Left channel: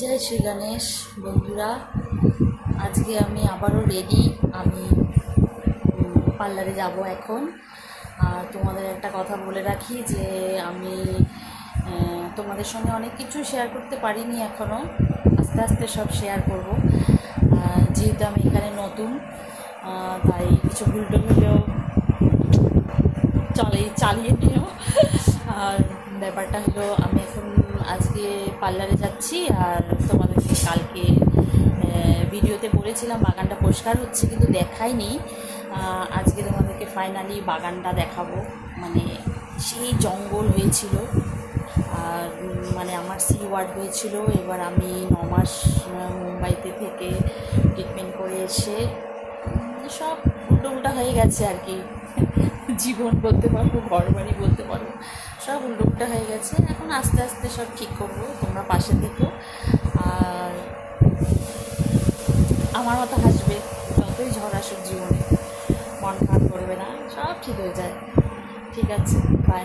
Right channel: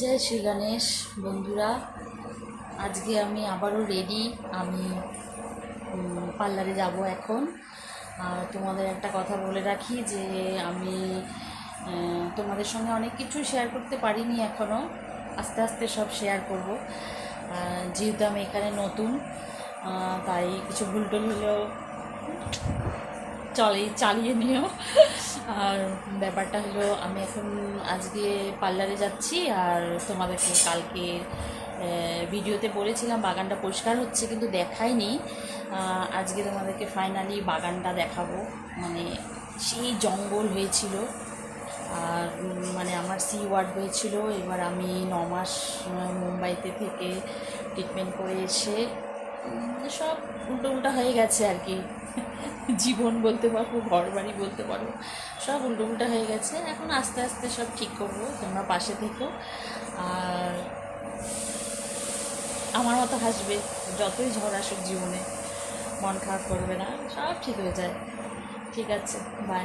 জয় শ্রী গণেশ বন্ধুরা। আজকে আমি আবারও রেডি। আমি পার্লারে যাব এখন। আর তোমাদের একটা কথা বলে রাখি যে আমি তোমাদের সঙ্গে অনেক কিছু শেয়ার করতে পারিনি এখনও, আস্তে আস্তে সব শেয়ার করব। যেহেতু আমি এখানে নতুন, তাই কিছু ভুলটুল হলেও চালিয়ে নিও। আর ব্যাপারটা হলো, আমি এখন আজকে পার্লারে যাচ্ছি। আর তোমাদেরকে কালকে ভিডিওতে বলেছিলাম বাগানটা পরিষ্কার হচ্ছে, কিন্তু দেখাইনি। আজকে তোমাদেরকে ফাইনালি বাগানটা দেখাবো। মানে সেই জঙ্গল হয়েছিল, আর মানে আমার সি ওয়ার্ড হয়েছিল। এবার আমি 9 মাস মুম্বাইতে থেকে ট্রিটমেন্ট করে এসে সব উল্টো হয়ে গেছে আর কি। জীবন বলতে পারবো, ঘর বাড়ি বলতে পারবো, সব উল্টো হয়ে গেছে। এখন আস্তে আস্তে সব ঠিক করব, তোমরা পাশে থেকো। আর আমার মতো হাসবে, যতই ঝড় আসুক জীবনে, মন খারাপ করবে না, সব ঠিক হয়ে যায়। ঠিক আছে, বাই।